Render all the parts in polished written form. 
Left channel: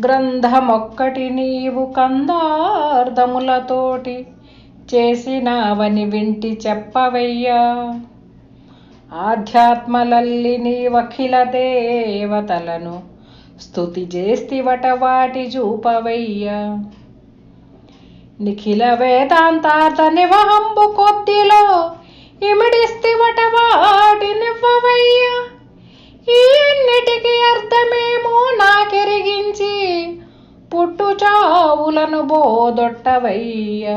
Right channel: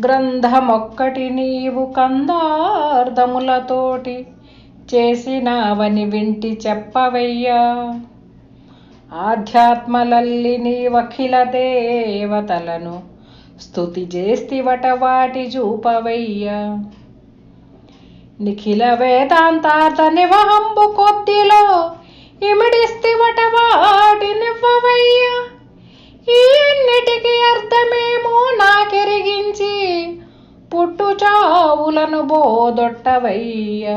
గ్రంథమొక్కటి నీవు కందార్థములతోటి చేసినావని వింటి చెప్పవయ్యా. ఆధ్యాత్మలల్లి నీవఖిల దేవతలను స్తుతి చేస్తివట వాటి చూపవయ్యా. నిఖిల వేదాంతార్థ నివహంబు కొద్దిలో ఇమిడిస్తివట వాటినివ్వవయ్యా. ఈ అన్నిటికీ అర్థమేమో నాకెరిగించి పుట్టు చావులను బోదొట్టవయ్యా.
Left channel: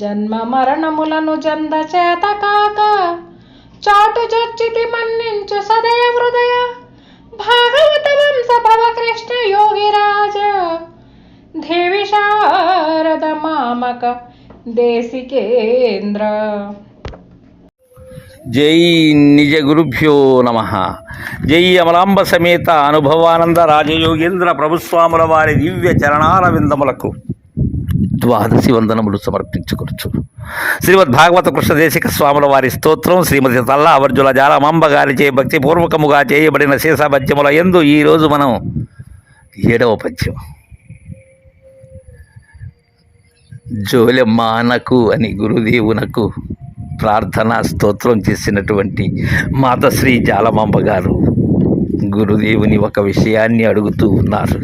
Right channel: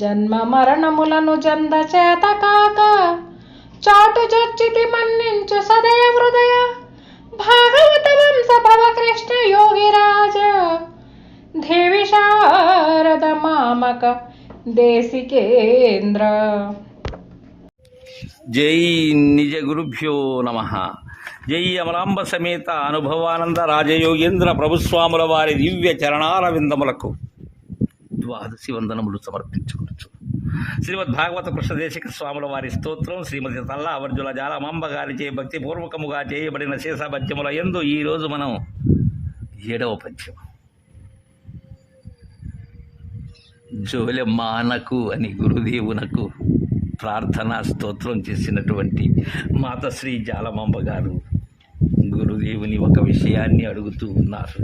జన్మ మరణములను జంద చేత కాక చాటు చర్చితి మన్నించు సదయ హృదయ. భాగవత వంశ భవ కృష్ణ యోగిరాజ దేవి శారద మామక దేశికేంద్ర. జై నిజ గురుభ్యో నమ. జై అమలాంబ సమేత అనుభవానంద రాజయోగేంద్ర ప్రభుస్వాముల వారి దివ్య చరణాల విందములకు ద్వాదశి వందనములు సమర్పించుకొచ్చు. శ్రీమద్ భాగవత కృష్ణదేశిక స్వాముల వారి స్తోత్రం శ్రీమతి తల్లా అవర్జుల జాలమాంబ గారిచే భక్తిపూర్వకముగా చేయబడిన శేషపద్యముల యందు ఈరోజు మనం 7వ పద్యం. జోలెమ్మానకు అని గురుదేవునకు ప్రార్థనా స్తోత్రం చేసినటువంటి మాతశ్రీ జాలమాంబ గారు గురుదేవుని ఒక విషయాన్ని అడుగుతూ ఉన్నారు.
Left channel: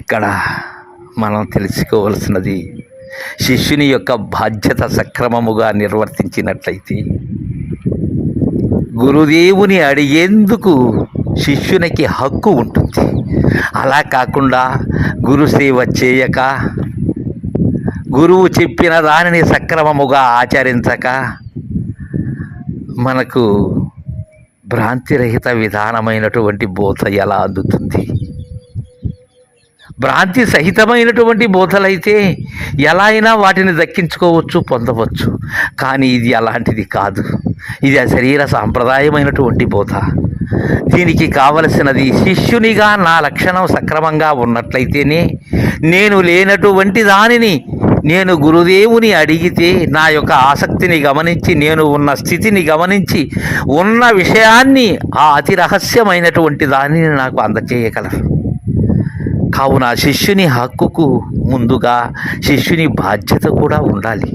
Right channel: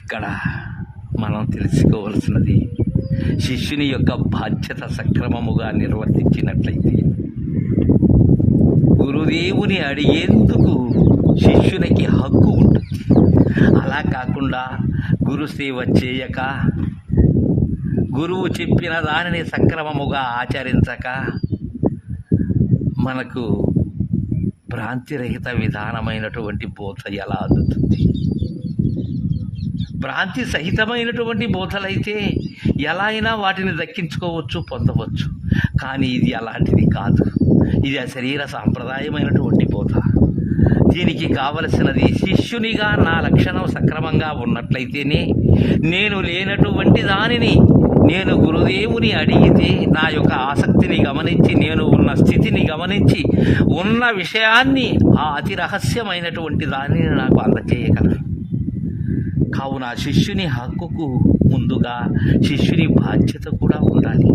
ఇక్కడ మనం తెలుసుకోవలసినది, శిష్యుని యొక్క బాధ్యత సక్రమముగా నిర్వర్తించినట్లయితే గురుదేవుని అడిగేందుకు శిష్యునికి హక్కు ఉంటుంది. అలా కాకుండా గురుసేవ చేయక, గురువు చెప్పిన దానిని సక్రమముగా ఆచరించక మనకు భ్రాంతిరహిత విధానమైనటువంటి బోధ ఎలా అందుతుంది? భ్రాంతి సహితమైనటువంటి బోధలైతే ఎలా అయినా వాటిని దక్కించుకోవచ్చు, పొందవచ్చు. కానీ ఇది అలాంటిది కాదు. ఇది శరీర సాంప్రదాయమైనటువంటి బోధ. దీనికి కావలసినది శిష్యునిగా నా లక్షణం సక్రమంగా ఉన్నట్లయితేనే నేను లేనటువంటి దానిని నేను గురుదేవుని అడిగితే నా యొక్క ఆసక్తిని గమనించి, నేను ఉన్న స్థితిని గమనించి, ఉన్న విషయాన్ని ఆ అతి రహస్యమైనటువంటి దానిని నాకు అందచేయగలరు. కావున శిష్యుని హక్కుకు ముందుగా శిష్యుని బాధ్యత కూడా ఉండాలి.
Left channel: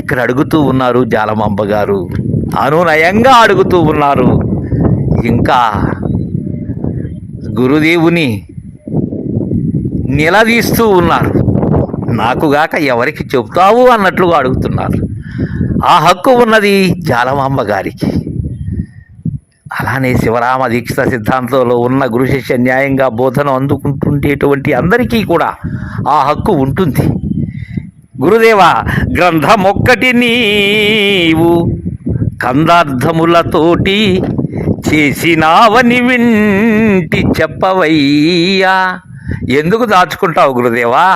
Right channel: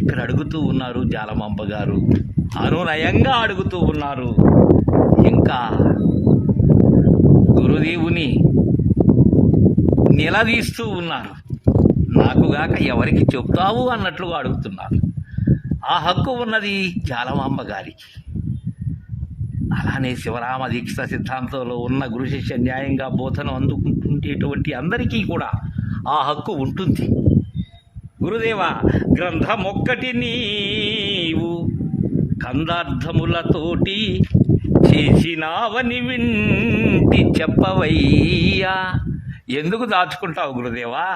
ఇక్కడ అడుగుతూ ఉన్నారు జాలమాంబ గారు, అనునయంగా అడుగుతూ ఉన్నారు. ఇంకా గురుదేవుని నిలదీస్తూ ఉన్నారు. నాకుగాక ఎవరికి చెప్తావు అన్నట్లుగా అడుగుతున్నారు. ఆ హక్కు ఉన్నది జాలమాంబ గారికి. అలానే శివరామ దీక్ష సిద్ధాంతంలో ఉన్న గురు శిష్య న్యాయంగా బోధన అందుకుంటుండేటువంటి అందరికీ కూడా ఆ హక్కు ఉంటుంది. గురుదేవ, గ్రంథమొక్కటి నీవు కందార్థములతోటి చేసినావని వింటి చెప్పవయ్యా. ఎందుకు దాచుకుంటావు గురుదేవా?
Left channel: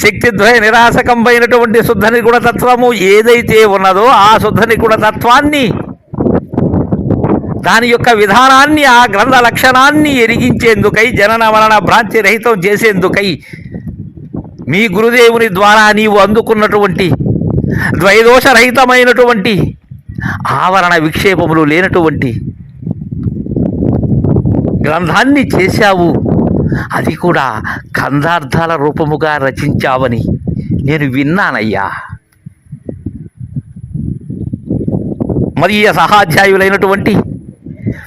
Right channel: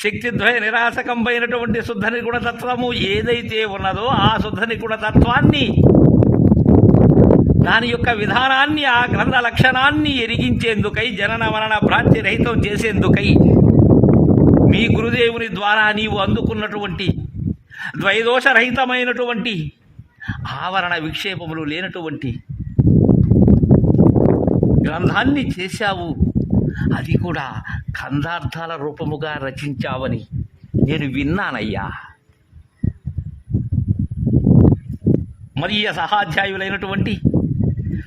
శక్తిద్వయ నిరాశకంపైనటువంటి శుద్ధ నిగుణ తత్వము ఏదైతే ఉన్నదో ఆ శుద్ధ నిగుణ తత్వాన్ని, దాని యొక్క విధానాన్ని, ఆ గ్రంథ లక్షణాన్ని ఎరిగించేందుకై, జనన మరణ భ్రాంతి రహితం చేసేందుకై మీ గురుదేవుని ద్వారా నీవు అందుకున్నటువంటి ద్వైదోషరహితమైనటువంటి ఆవరణ విక్షేపములు లేనటువంటి గ్రంథాన్ని చేశావు. అది కూడా కందార్థాల రూపముగా రచించావని నేను విన్నానయ్యా. మదీయ సహాధ్యాయులైనటువంటి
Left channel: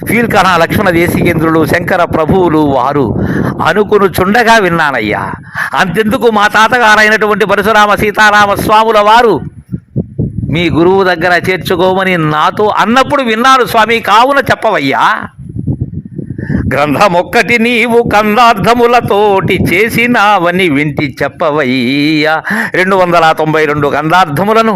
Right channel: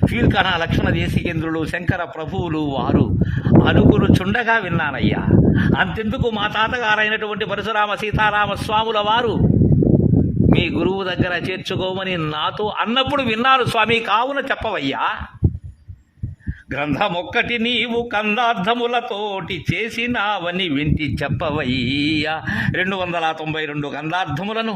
ఫీల్కణ లక్ష్మణ దేశికేంద్రులు, శంకర ప్రభువులు వారు అనుకును చుండగా విన్నానయ్యా. అంతెందుకు మా తాతగారైనటువంటి పరశురామ సీతారామ స్వాముల వారు మీ గురువు దగ్గర చేర్చుకోమని నాతో అన్నప్పుడు విన్నాను స్వామి. కావున చెప్పవయ్యా. గ్రంథమొక్కటి నీవు కందార్థములతోటి చేసినావని వింటి చెప్పవయ్యా. 292 కందార్థములను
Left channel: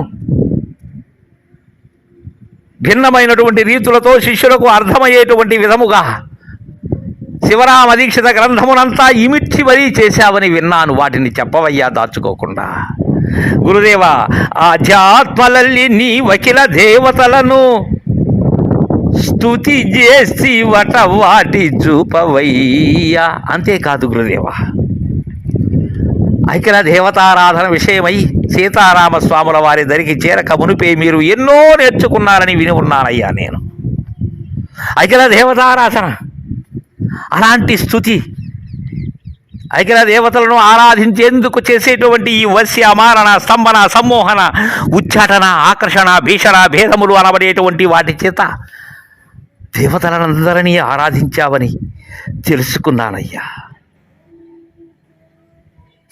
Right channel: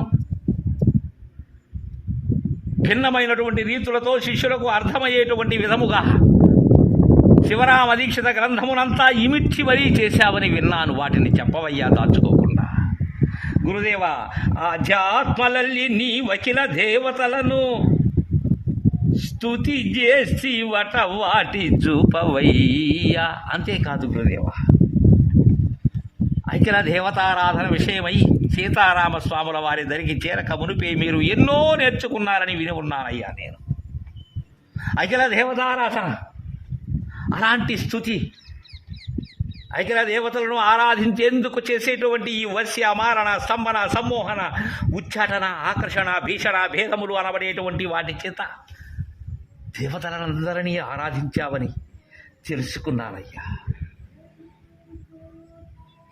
భిన్నమైనటువంటి రీతులతో శిష్యులకు అర్థమయ్యేటువంటి విధముగా శివరామ దీక్షిత గ్రంథమునంతా ఇమిడ్చి మరీ చేశావని విన్నాను. వాటిని చెప్పవయ్యా దాచుకోకుండా. గురుదేవ, ఆధ్యాత్మలల్లి నీ వకిల దేవతలను స్తుతి చేసి వాటి చూపవయ్యా. అంతేకాదు గురుదేవ, ఐక్యల దేవతారాధన విషయమై సీతారామస్వాముల వారి దరికి చేరక మునిపే మీరు ఎన్నో నేర్చుకున్నారని విని ఉన్నానయ్యా. నేను అఖిల దేవతారాధన, అలాంటి స్తుతి, అఖిల దేవతలను ఆరాధించేందుకు చేసేటువంటి ఈ వశ్య మారణ స్తంభన సమ్మోహన ఉచ్చాటన ఆకర్షణ భీషణ భేదములు అనబడేటువంటి వాటి చేత దేవతలందరినీ ఆరాధించావని తెలుసుకున్నానయ్యా.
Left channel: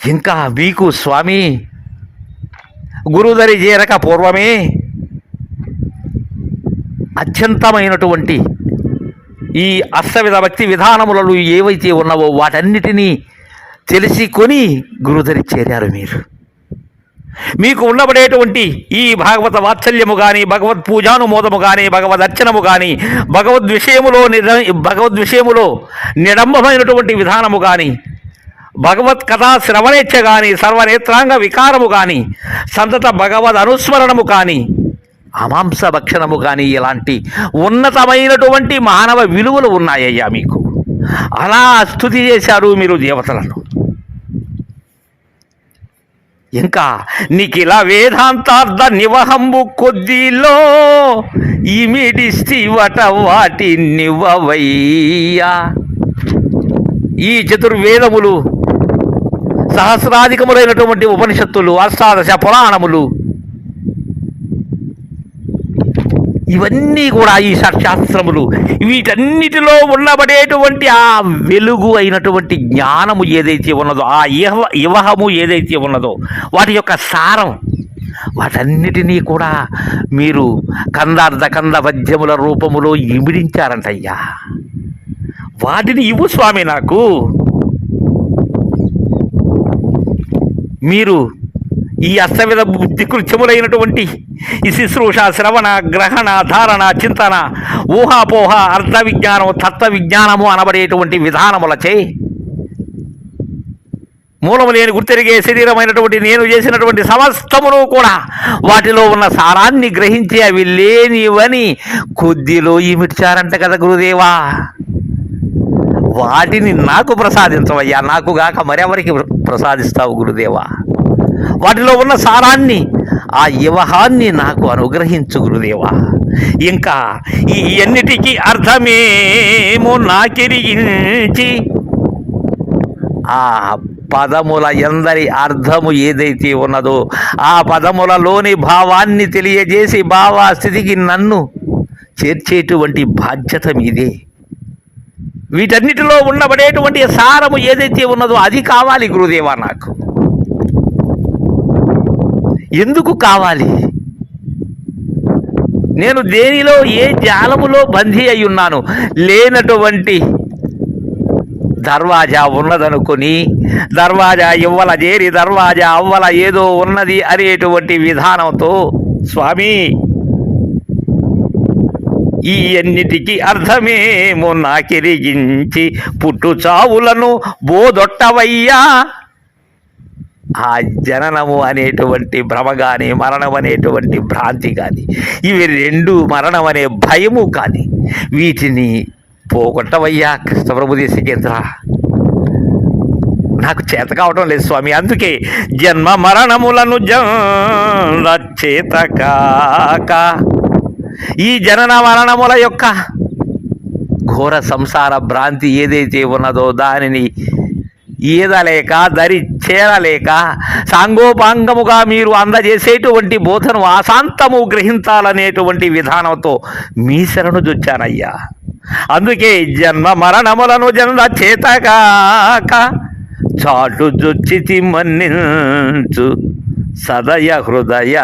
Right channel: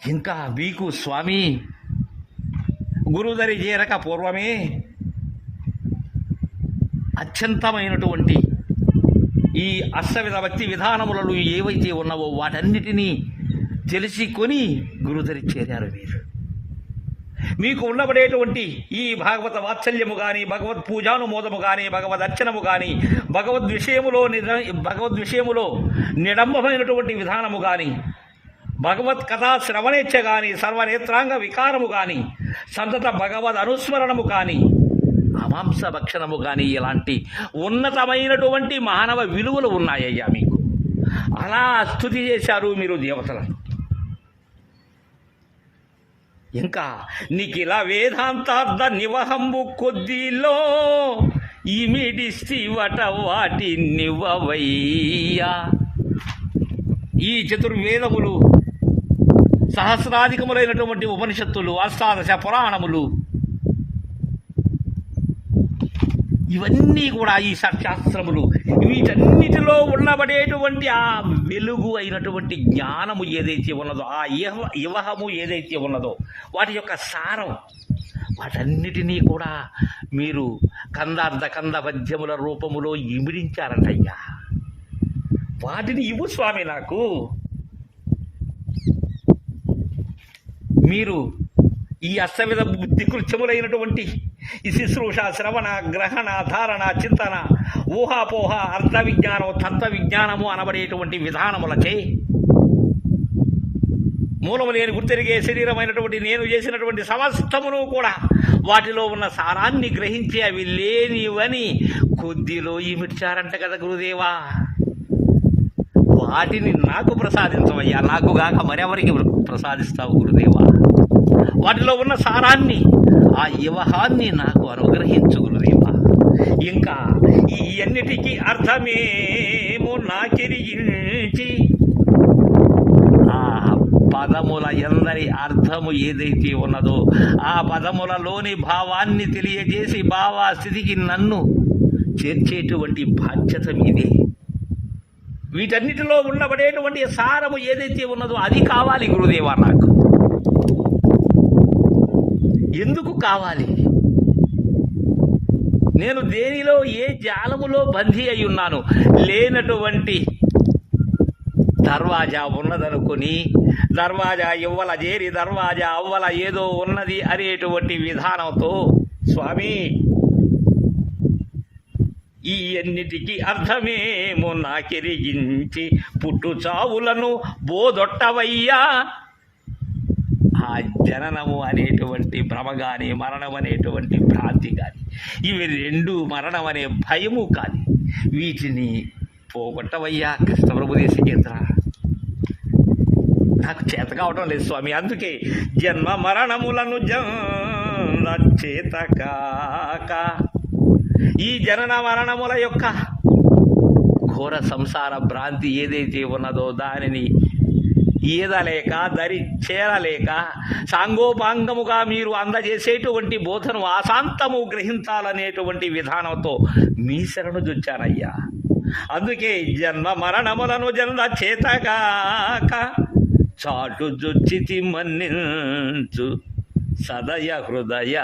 ఇంకా మీకు స్వామి గురుదరి చేరక పూర్వమే అత్యంతమైనటువంటి ఈ అష్టవిధ భక్తి విధానములలో ఏవైతే ఉన్నావో వాటన్నిటినీ తెలిసి కొని గురుదరి చేరారు మీరు. మీకు ఉండబడేటువంటి ఈ భాగవత వాత్సల్యము కానీ, భగవత్ పూజానుమోదము కానీ, భగవద్ అర్చనము కానీ, భగవద్ విషయములో నిడంబమైనటువంటి విధానము కానీ, భగవత్ కథా శ్రవణేచ్ఛ కానీ, సర్వనేత్రాంగ వికారము కానీ, సంతత భగవద్ అనుస్మరణము కానీ, అమాంస భక్షణము కానీ, ఇలాంటి ఉన్నతమైనటువంటి మానవ విలువలు ఉన్నాయ్యా మీకు. అలా స్తుతి చేశారు మీరు దేవతలను. ఇంకా నిఖిల వేదాంతార్థ నివహంబు కొద్దిలో ఇమిడిస్తివట వాటి నివవయ్యా. ఈ చతుర్వేదములు, సహస్రాధికములైనటువంటి ఉపనిషత్తులు, అష్టాదశ పురాణములు, ఇవన్నీ కూడా ఈ షట్శాస్త్రములు, వీటన్నిటిలో ఉండబడేటువంటి ఆ వెలుగు అయినటువంటి జ్ఞానము ఏదైతే ఉన్నదో, ఆ ఇవహము ఏదైతే ఉన్నదో, వాటి యొక్క సారం, వాటన్నిటినీ కూడా మీరు కందార్థ కంద పద్యముల రూపములో ఇమిడించారంటయ్యా. వాటిని ఇవ్వు స్వామి నాకు. మీరు ఈ అష్టవిధ బుద్ధి కృత్యములైనటువంటి ఈ శుశ్రూష, శ్రవణ, గ్రహణ, ధారణ, చింతన, ఊహాపోహ, అర్థ విజ్ఞానం, తత్వ విజ్ఞానము అనబడేటువంటి విధానములచే మూలము లేని గుర్తెరిగే శరీరమైనటువంటి నేను చేసినటువంటి సమస్తమును కూడా వాటిలో ఉన్న సారాన్ని గ్రహించి అవి లేనివని కొద్దిలో ఇమిడ్చారంట కదా గురుదేవా. వాటిని నాకు ప్రసాదించవయ్యా, నాకు గాక మరెవరికి ప్రసాదిస్తావు గురుదేవా. వాటిలో ఉన్న సారాన్ని, ఆ యువహాన్ని నాకు అనుగ్రహించు గురుదేవా. ఇంకా ఈ అన్నిటికీ అర్థమేమో నాకెరిగించి ఆ పదముల ఎందరి అర్థము ఏదైతే ఉన్నదో ఆ పదములలోని భావాన్ని తెలియజేసి భావస్థితికి నన్ను చేర్చేటువంటి బాధ్యత మీదే. వీటన్నిటిలో ఉండబడేటువంటి సారము ఏదైతే ఉన్నదో అది కావాలి గురుదేవా. నాకు ఎందుకు కావాలి? నేను దేనిలో, ఏ జాలములో బందీ అయి ఉన్నాను? లేనటువంటి దర్వాజా ఉన్నదనుకొని దర్వాజా ఇవ్వల చేరి దర్వాజా అవ్వల ఏదో ఉన్నది అనేటువంటి విధానంతో స్వామి ఈ అన్నిటికీ అర్థమేమో నాకెరిగించి పుట్టు చావులను బోదొట్టవయ్యా. ఆ జననము అనేటువంటి భ్రమ కానీ, మరణం అనేటువంటి భ్రాంతి కానీ, ఇవి రెండు, మరణం అనే భయము కానీ, వీటిని పోగొట్టవయ్యా కృష్ణప్రభు దేశికేంద్ర. నాకు చేత కావటం లేదు స్వామి. అందుకే జన్మ మరణములను చేత కాక ఈ జనన మరణముల యొక్క ఘోర సంసార భ్రాంతి ఏదైతే ఉన్నదో దానిని ఈదలేక, దరి చేరలేక, సాంగోపాంగముగా మీరు అందజేసేటువంటి బోధను ఆశాంతము గ్రహించాలనేటువంటి విధానంతో మీ శరణు జొచ్చానయ్యా. అందుకే జన్మ మరణములను చేతగాక చాటు జొచ్చితి మన్నించు సదయ హృదయ.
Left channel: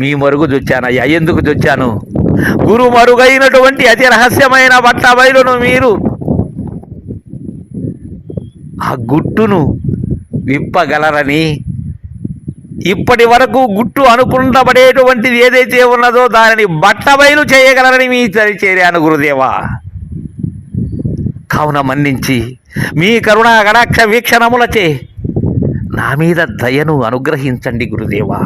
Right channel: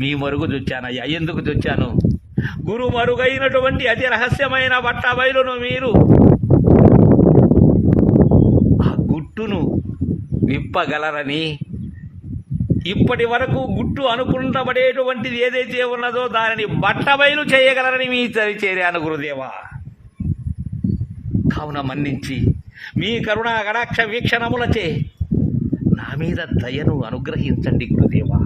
మీ మరుగు జొచ్చానయ్యా. ఎందుకు జొచ్చాను? గురు మరుగైనటువంటి అతి రహస్యమైన బట్ట బయలును మీరు ఆ గుట్టును విప్పగలరని, ఇప్పటి వరకు గుట్టు అనుకుంటబడేటువంటిది ఏదైతే ఉన్నదో దానిని బట్టబయలు చేయగలరని మీ చేరాను గురుదేవా. కావున మన్నించి మీ కరుణా కటాక్ష వీక్షణములచే నా మీద దయను అనుగ్రహించండి గురుదేవా.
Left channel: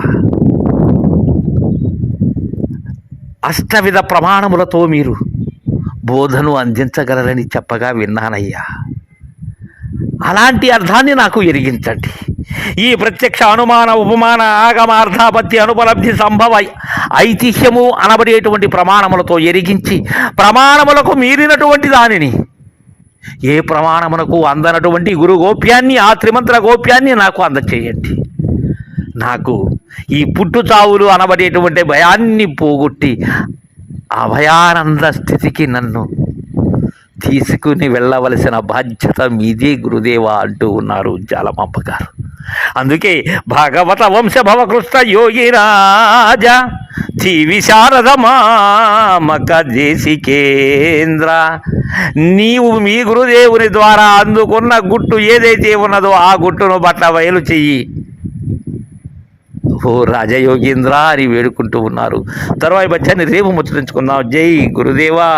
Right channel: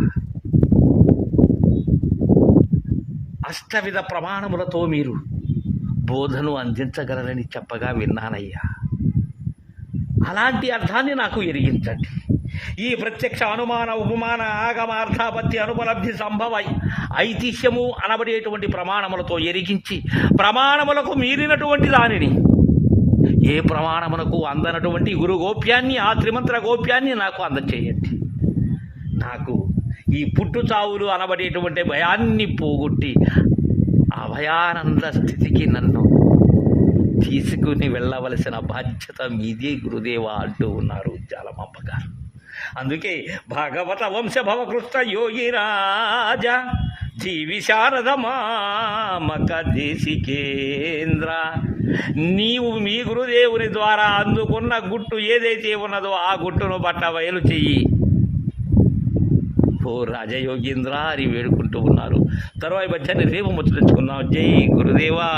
అష్టవిధ ప్రమాణములతో మీరు బోధను అందించగలరని చెప్పగా విన్నానయ్యా. అలాంటి అర్థాన్ని నాకు ఎరిగించండి. ఈ ప్రత్యక్ష అనుమాన ఉపమాన ఆగమార్థాపత్తి అనుపలబ్ధి సంభవ ఐతిహ్యము అనబడేటువంటి ప్రమాణములతో ఎరిగించి ప్రమాణములకు మీరినటువంటి దానిని, ఏ ప్రమాణమునకు అందనటువంటి గురు గోప్యాన్ని, ఆ త్రిమంత్ర గోప్యాన్ని నాకు అందచేయండి. నాకు ఈ పుట్టు చావులు అనబడేటువంటి భయాన్ని పోగొట్టి అభయానంద స్థితికి నన్ను తీసుకుని వెళ్ళవలసిన బాధ్యత మీదే గురుదేవ అంటూ ఉన్నారు జాలమాంబ గారు. అందుకే భాగవత వంశభవకృష్ణ యోగిరాజ దివి శారద మామక దేశికేంద్ర, నీవు మీ గురుదేవుని ద్వారా అందుకున్న గుట్టు ఏదైతే ఉన్నదో ఆ గుట్టును బట్ట బయలు చెయ్యి ఓ రాజయోగీంద్ర అని వేడుకుంటూ ఉన్నారు. తరువాయి బచ్చాన్ని రేపు ముచ్చరించుకుందాం. జై గురుదేవా.